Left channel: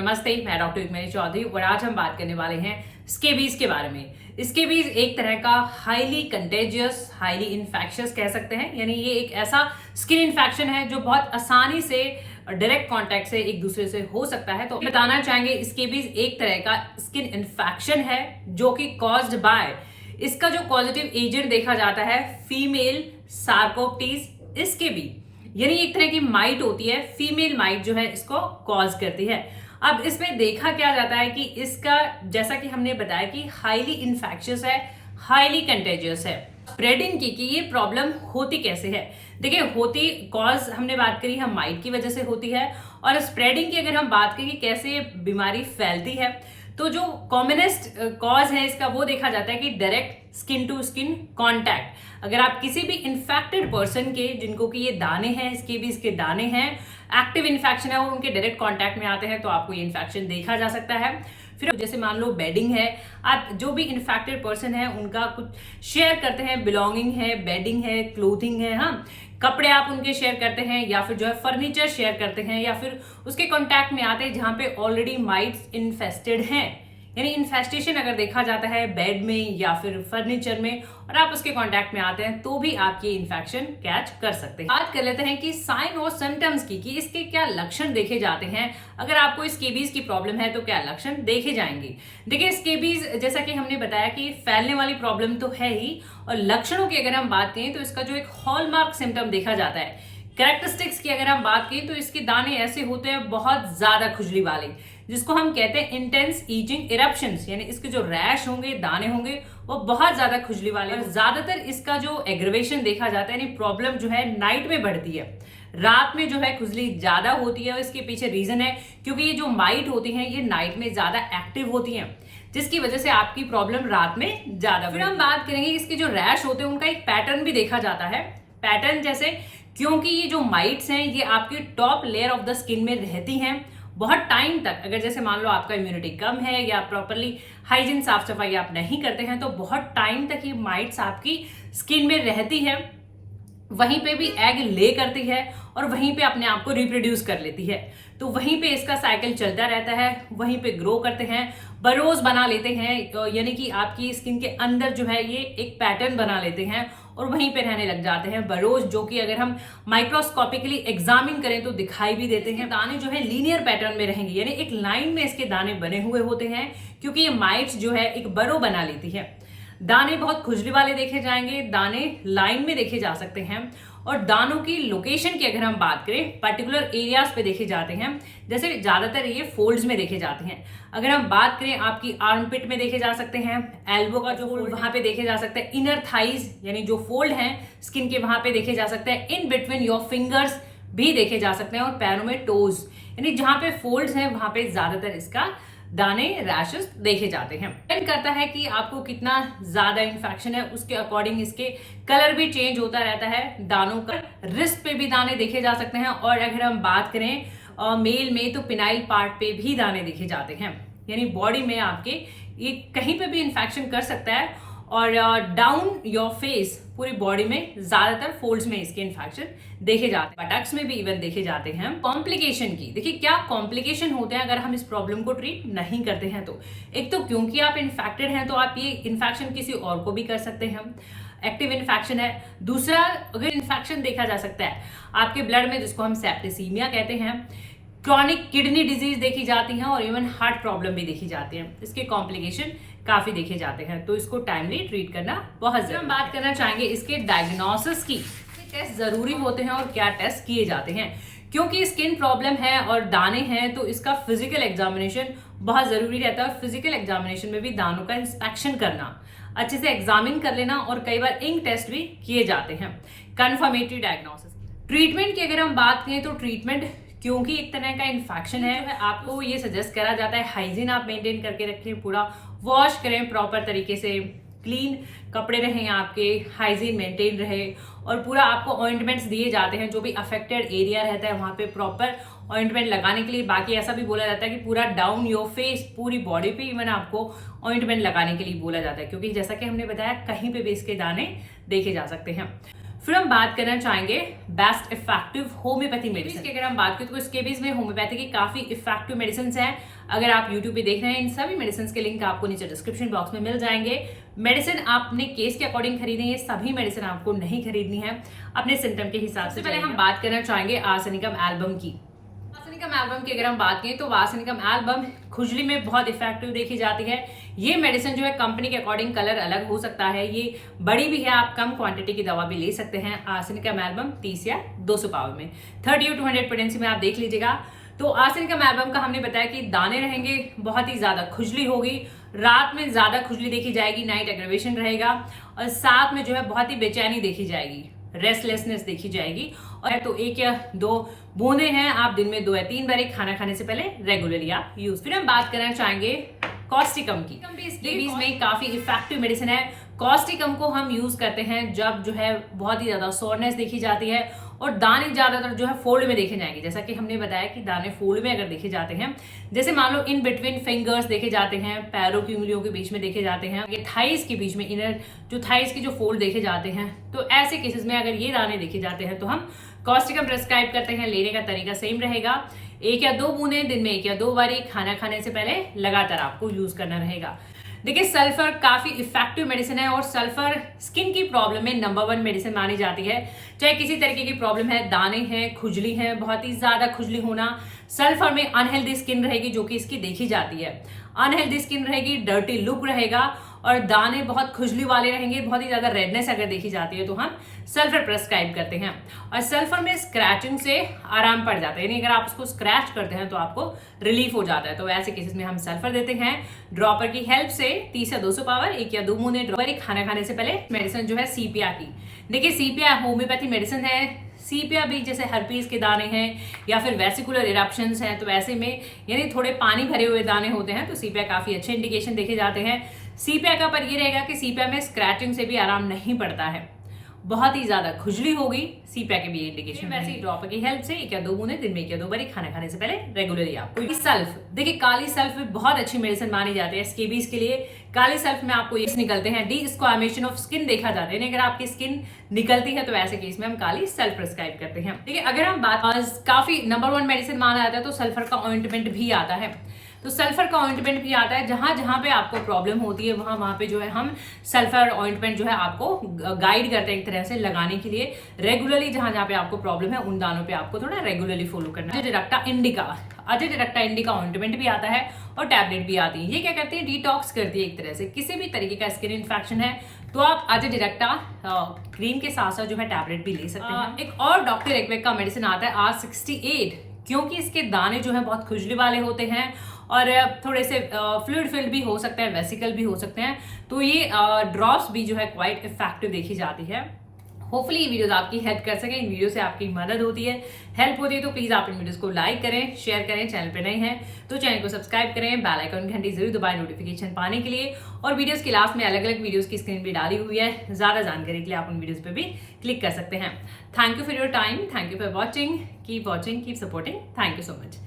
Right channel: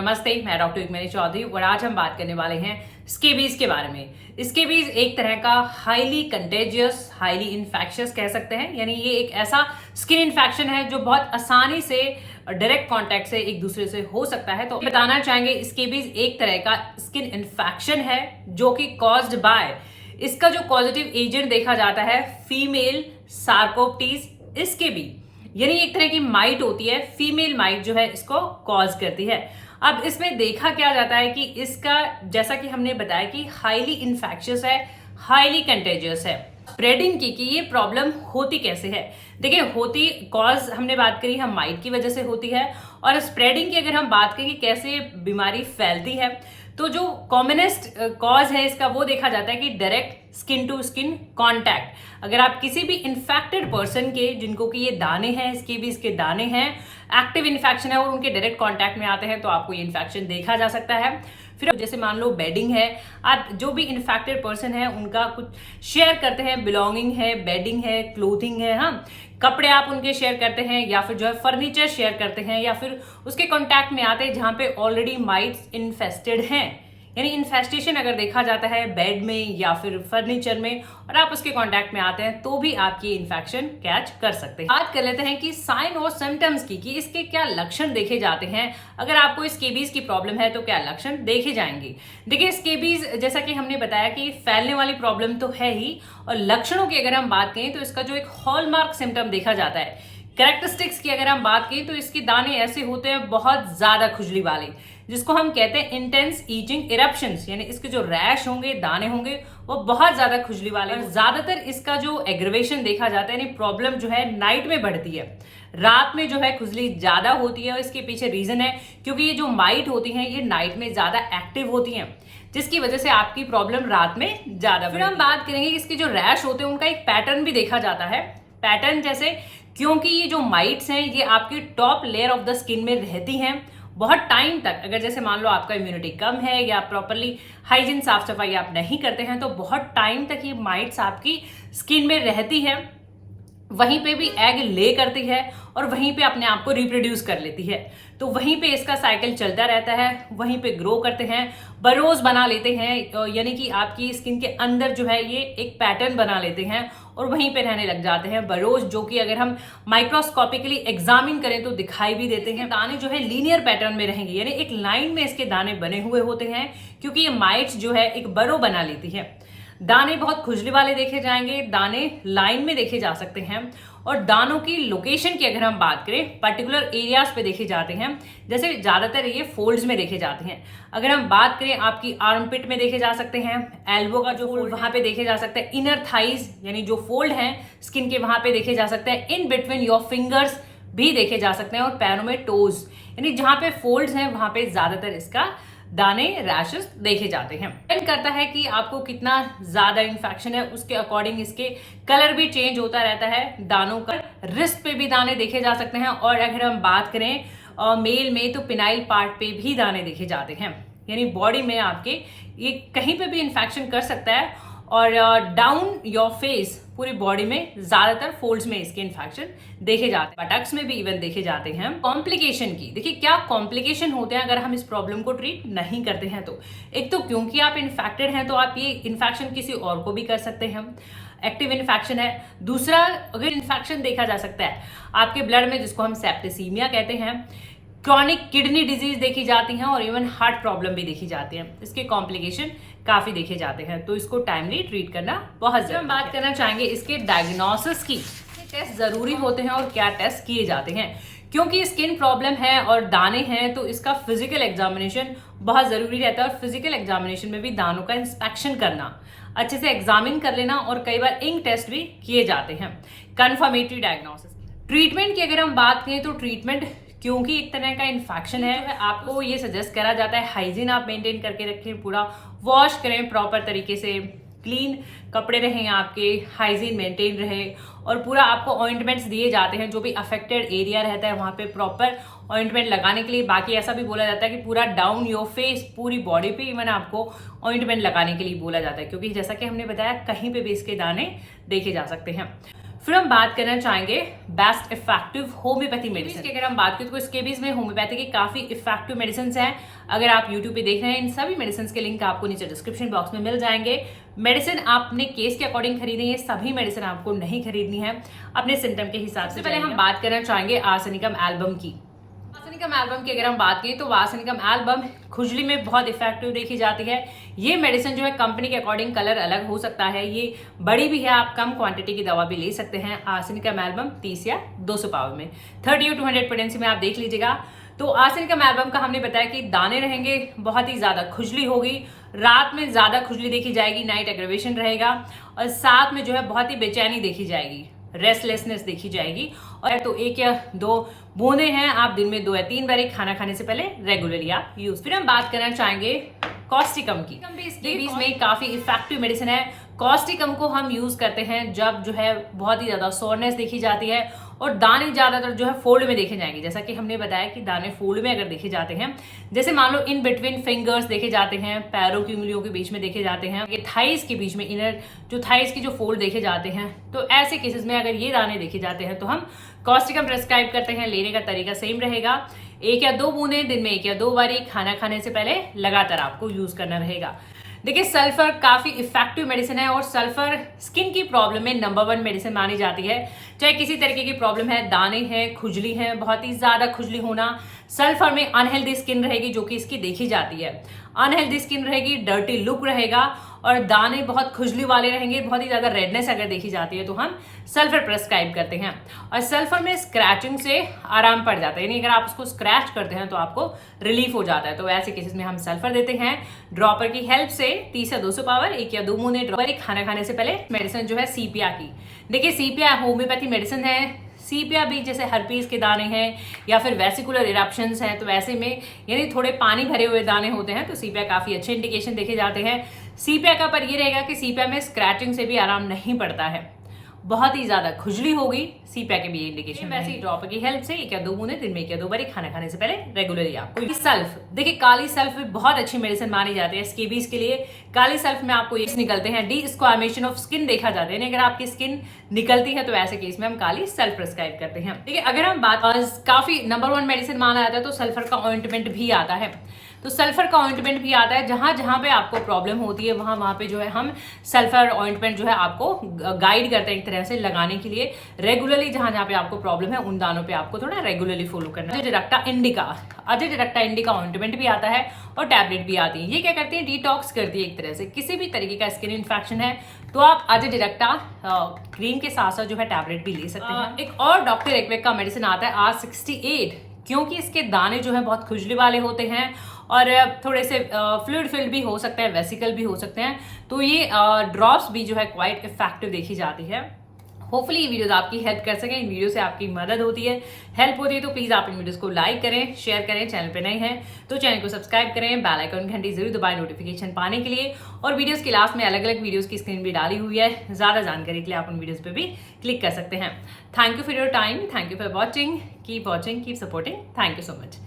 नमस्ते, मैं डॉक्टर युगमनी चौधरी और आज हम बात करने वाले हैं स्केबीज के बारे में। स्केबीज एक तरह का हाईली कंटेजियस, हाईली इन्फेक्शियस कह सकते हैं। यानी ये एक ऐसा स्किन इन्फेक्शन है जो बहुत आसानी से डायरेक्ट कांटेक्ट से एक दूसरे से हो सकता है। तो बताना चाहेंगे स्केबीज एक तरह का स्किन इन्फेक्शन है जो कि कॉज्ड बाय, इसका जो पॉजिटिव एजेंट देखा जाता है फीमेल सार्कोप्टीज स्केबी, यानी एक तरह की माइट होती है, फीमेल माइट जो है इसको कॉज करती है। अब इसमें देखा क्या जाता है कि इसका, जैसा कि हमने बताया कि हाईली इन्फेक्शियस है, हाईली कंटेजियस है। स्प्रेडिंग की कि ये प्रॉब्लम होती कैसे है, देखिए होती कॉज हमने बात करी हम माइट की वजह से होती है, और स्प्रेडिंग की अगर हम बात करें कि कैसे बीमारी फैलती है, तो जो कॉमनेस्ट कॉज है इसका वो देखा जाता है कि direct skin to skin contact. अगर आप किसी भी इन्फेक्टेड पर्सन के, जिनको कि ये दाने हैं, स्केबीज के दाने हैं, एक्टिव इन्फेक्शन है और उनके डायरेक्ट कांटेक्ट में आते हैं तो आपको ये इन्फेक्शन देखा जा सकता है। फिर जैसे मान लो बेडिंग है, आप जो भी इन्फेक्टेड पर्सन है उनका कुछ शेयर करते हैं, बिलोंगिंग है, बेडिंग है, क्लोथिंग है, हाँ कपड़े आप उनके शेयर करते हैं, या फिर जो है फर्नीचर शेयर करते हैं, या फिर उसके कांटेक्ट में आते हैं जहां पे ऑलरेडी माइट्स इन्फेस्टेड हैं। यानी इन्फेस्टेशन अगर देखा जाता है बेड में या फिर फर्नीचर में और आप उसके कांटेक्ट में आते हैं तो भी आप ये इन्फेक्शन कैच कर सकते हैं। बात कर लेते हैं कि साइन और सिम्टम्स की, कि इसके क्या लक्षण देखे जाते हैं। अगर आपको स्केबीज की प्रॉब्लम है तो क्या लक्षण देखे जाएंगे। देखिए स्केबीज जैसा कि हमने बताया कि फैलने वाली प्रॉब्लम तो है ही, और लक्षणों की अगर हम बात करें तो इसका जो एक हॉलमार्क सिम्टम देखा जाता है। कैरेक्टरिस्टिक्स की अगर हम बात करें तो इसके दाने ऐसे होते हैं बहुत ज्यादा खुजली वाले, जिसको हम कहते हैं इंटेंस ईचिंग इरप्शंस, यानी इसके जो रैश होंगे, दाने होंगे वो बहुत ज्यादा खुजली वाले। ज्यादातर इसका जो एग्रवेशन देखा जाता है, यानी प्रॉब्लम जो है नाइट में बढ़ती है, रात में जो है खुजली ज्यादा होती है। और इसके पीछे रीजन है क्योंकि ये जो माइट होती हैं ये नाइट में ज्यादा एक्टिव होती हैं, जिसकी वजह से आपकी प्रॉब्लम रात में ज्यादा। फिर हम बात करेंगे इसके जो रैश होते हैं उनका एक पैटर्न भी देखा जाता है। पैटर्न जैसे, क्योंकि ये जो माइट्स हैं ये आपकी top layer of the skin में रहती हैं बहुत टाइम तक, अगर जैसे मान लो आपका इम्यूनिटी कम है या प्रॉपरली हाइजीन साफ सफाई आप नहीं करते हैं तो बहुत टाइम तक ये माइट्स आपकी स्किन में रहती है, वहीं पे भी एग ले करती है और वहीं पे अपने आप को रिप्रोड्यूस कर लेती है। तो वहीं पे इसका साइकिल चलता रहता है, वहीं पे ग्रो करते हैं, बरोज बना लेते हैं, यानी कि आपकी स्किन के अंदर जो है ये एक पैटर्न बना लेते हैं और वहीं पे रहने लग जाते हैं बरोज, जो कि अगर हम माइक्रोस्कोपिकली एग्जामिन करें तो दिखाई भी देते हैं। दाने जो है लीनियर पैटर्न में रहेंगे, यानी एक लाइन में इसके दाने बने हुए होते हैं, क्योंकि ये माइट्स जो है एक बरो बना लेती है। दाने बहुत खुजली वाले देखे जाएंगे, दाने लाइन में देखे जा सकते हैं, और दानों की लोकेशन की अगर हम बात करें पर्टिकुलर एरियाज पे देखे जाते हैं। जैसे ज्यादातर ये फोल्ड्स में देखे जाते हैं। अगर हम बात करें आपकी आर्मपिट में देखे जा सकते हैं, एल्बो का जो फोल्ड वहां पे देखे जा सकते हैं, इनर थाइज यानी जो फोल्ड हैं स्किन के वहां पे देखे जा सकते हैं, इन बिटवीन योर फिंगर्स भी देखे जा सकते हैं, और पैरों में टोज, यानी जहां पे फोल्ड्स हैं वहां पे ज्यादातर इसका दाने रैशेस देखे जाते हैं। डिपेंड करता है कि आपको कितना ज्यादा इन्फेक्शन है, उसके अकॉर्डिंग इसके कलर भी चेंज होता रहता है दानों का। रिस्ट पे भी दाने देखे जा सकते हैं, और अगर हम बात करें मेल में तो पिनाइल पार्ट पे भी दाने देखे जाते हैं, यानी बॉडी में आपके ये कहीं पे भी इन्फेक्शन कर सकता है। और डाउन योर फेस, पूरी बॉडी में ज्यादातर फोल्ड्स में इसके इन्फेक्शन देखे जाते हैं, बटक्स में भी इवन देखे जाते हैं। कॉम्प्लिकेशन की देखिए क्या कॉम्प्लिकेशन होते हैं अगर हम इस प्रॉब्लम को ट्रीट नहीं करते हैं तो। एक तो क्योंकि आप इन्फेक्टेड हैं तो आप ये इन्फेक्शन किसी और को भी कर सकते हैं, एक्टिव इन्फेक्शन है। दूसरा, अगर इन्फेक्शन देखा जा सकता है आपके ब्लड में, जिसको हम सेप्टिसीमिया कहते हैं, क्रॉनिक किडनी डिजीज देखी जाती हैं, और इवन हार्ट प्रॉब्लम भी देखी जाती है। इसके कॉम्प्लिकेशन काफी देखे जाते हैं, तो इसको टाइमली ट्रीट करना बहुत जरूरी है। हम बात करना चाहेंगे इसके डायग्नोसिस की, टेस्ट जरूरी होते हैं और क्या टेस्ट किए जाते हैं। क्योंकि स्किन प्रॉब्लम है और दाने हैं तो इसका फिजिकल एग्जामिनेशन बहुत जरूरी रहता है, और फिजिकल एग्जामिनेशन में भी दानों का इंस्पेक्शन करना, अच्छे से एग्जामिन कर लेना, और कई बार इंक टेस्ट भी किए जाते हैं। Confirmatory diagnosis. ट्रीटमेंट की अगर हम बात करें तो ट्रीटमेंट, क्योंकि एक तरह का इन्फेक्शन है, आपको ये सजेस्ट करा जाता है हाइजीन आप मेंटेन करके रखें, पूरा वॉश करें प्रॉपर तरीके से, क्लीन कपड़े रहें आपके, हाइजीन मेंटेन रहे, और पूरा आपको ऑइंटमेंट्स दिए जाते हैं जो भी अफेक्टेड एरिया रहता है वहां पे प्रॉपर ऑइंटमेंट लगाने के लिए। बाकी ऐसा भी बोला जाता है कि पूरा डाउन योर फेस, पूरी बॉडी पे इवन आपको ऑइंटमेंट लगाने के लिए बोला जाता है, क्योंकि जैसा कि हमने बताया कहीं पे भी इसके दाने देखे जा सकते हैं। फिर हम बात करना चाहेंगे बेस्ट इफेक्टिव होम्योपैथी मेडिसिन की। अगर हम बात करें तो स्केबीज में होम्योपैथी की काफी इफेक्टिव मेडिसिन हैं। अगर आप यूट्यूब पे देख रहे हैं, इन सभी मेडिसिन के लिंक आपको नीचे डिस्क्रिप्शन बॉक्स में मिल जाएंगे। मेडिसिन आप अपने केस के अकॉर्डिंग खरीदेंगे, सभी मेडिसिन आपको नहीं खरीदनी है, अपने सिम्टम के हिसाब से। पहले हम बात करना चाहेंगे आर्सेनिकम एल्बम की। आर्सेनिकम एल्बम की अगर हम बात करें तो आर्सेनिकम एल्बम खुजली में बहुत इफेक्टिव देखी जाती है। ये मेडिसिन जो है कंपनी के अकॉर्डिंग कलर अलग हो सकता है, ये बड़ी भी है, आप कम क्वांटिटी की दवा भी ले सकते हैं। आर्सेनिकम एल्बम 30 या 200 पावर में 30 to 100 पोटेंसी में आप देख लीजिएगा। तो आर्सेनिकम एल्बम का हमने बताया कि दाने रहेंगे, बहुत ही ज्यादा खुजली होगी, रात में ज्यादा खुजली देखी जाएगी, नाइट एग्रेवेशन रहेगा, और साथ में जो है बहुत ही बेचैनी देखी जाएगी, रेस्टलेसनेस देखी जाएगी। और तो 1 या 2 बूंदे हैं, आप दिन में 2 या 3 बार खाना खाने से पहले रेगुलरली आप यूज। फिर हम बात करना चाहेंगे कॉस्टिकम की। इसके बीच में काफी इफेक्टिव मेडिसिन है। कॉस्टिकम को हम यूज करते हैं जब जो है बहुत ही ज्यादा सोरनेस देखी जाती है और दाने ज्यादातर जो है फोल्ड में देखे जाएंगे। जैसा कि हमने बताया कि दाने फोल्ड में अगर देखे जाते हैं, जैसे मान लो इन बिटवीन फिंगर्स देखे जाते हैं, पैरों की उंगलियों के बीच में देखे जाते हैं, ये थाइस के बीच में इनर जो थाइस की जो फोल्ड देखे जाते हैं, तो ऐसे केसेस में अगर ये दाने देखे जाते हैं तो हम कॉस्टिकम प्रेस्क्राइब करते हैं। लेने का तरीका सेम रहेगा, 1 या 2 बूंदे दिन में 1 या 2 बारी खाना खाने से पहले लगातार आपको यूज करना रहेगा। देखिए सल्फर काफी इफेक्टिव मेडिसिन है और सल्फर स्किन की प्रॉब्लम में नंबर 1 मेडिसिन मानी जाती है। चाहे किसी तरीके की प्रॉब्लम है, दाने हैं, खुजली है, बहुत ही ज्यादा खुजली होना, सल्फर में अनहेल्दी स्किन रहेगी जो कि इसकी देखी जाती है। अनहेल्दी स्किन रहेगी, डर्टी लुक रहेगा और दाने बहुत खुजली वाले रहेंगे, बहुत ही ज्यादा रेडनेस अगर देखी जाती है तो हम सल्फर प्रेस्क्राइब करते हैं। और सल्फर में स्क्रैचिंग से आराम पड़ जाता है, यानी अगर आप उसको स्क्रैच करते हैं तो आपको रिलीफ हो जाता है। तो ऐसे केसेस में हम सल्फर देते हैं ड्रॉपर की हेल्प से। 30 या 200 पावर 1 या 2 बूंदे ड्रॉपर खाना खाने से पहले। मेडिसिन जो है सीपिया की, देखिए सीपिया होम्योपैथी मेडिसिन है। सीपिया भी जैसे हर्पीज के दाने हैं या फिर वेसिकुलर इरप्शंस हैं, तो ऐसे में यानी थोड़े पानी भरे हुए दाने होते हैं तो सीपिया काफी अच्छे इंडिकेशन देखे जाते हैं। सीपिया का पर ये रहेगा कि सीपिया में स्क्रैचिंग से भी आराम नहीं पड़ता है, बहुत ही ज्यादा खुजली होगी, सीपिया के भी इंडिकेशन। वैसे ही ड्रॉपर की हेल्प से 1 या 2 बूंदे दिन में 1 या 2 बार खाना खाने से पहले रेगुलरली आपको। सल्फ, देखिए काली सल्फ भी बहुत अच्छी मेडिसिन मानी जाती है स्केबीज के लिए। काली सल्फ में आपको ये निकलते हैं, डिस्क्वामेशन ऑफ स्किन देखा जाता है, अगर आपकी स्किन निकलती है तो ऐसे केस में हम काली सल्फ प्रेस्क्राइब करते हैं। ठीक है, अगर हम बात काफी नंबर 1 मेडिसिन माना जाता है तो सल्फर का ऑइंटमेंट भी आता है। तो सल्फर का ऑइंटमेंट भी आता है, जहां जहां पे आपको प्रॉब्लम होती है वहां पे जो है हम सल्फर ऑइंटमेंट जो है आपको गाइड करते हैं एक तरह से लगाने के लिए। रेगुलरली जहां जहां पे आपको प्रॉब्लम है उन दानों पे आपको थोड़ा रेगुलरली फॉलो करना है। अजडिरेक्टा इंडिका, अजडिरेक्टा इंडिका ऑइंटमेंट भी आता है और टैबलेट भी आती है। ये क्या करती है, डिटॉक्स करती है एक तरह से। किसी भी तरीके का स्किन इन्फेक्शन है तो आप अजडिरेक्टा क्रीम के साथ साथ जो है टैबलेट भी ले सकते हैं। एक और डॉक्टर एक्वेक का मेडिसिन आता है R68, क्योंकि इसके दाने जो है बहुत खुजली वाले होते हैं और थोड़े से फ्लूइड फिल्ड भी हो सकता है, वेसिकल भी हो सकते हैं, तो ये ड्रॉप्स भी जो है क्वाइट इफेक्टिव देखी जाती है। होपफुली ये वीडियोस आपकी हेल्प कर सकें, इन वीडियो से आपकी मदद होती है, हेल्प होती है, तो प्लीज आप इन वीडियोस को लाइक करें, शेयर करें। चैनल पे नए हैं तो चैनल को सब्सक्राइब करें, बेल आइकन घंटी जरूर दबाएं नोटिफिकेशन पाने के लिए। और वीडियोस के लास्ट में अलग अलग वीडियोस की स्क्रीन भी डाली हुई है, ज्यादा जानकारी के लिए आप उन वीडियोस पे भी क्लिक कर सकते हैं। Thank you for your time, thank you for watching, keep supporting, thank you so much.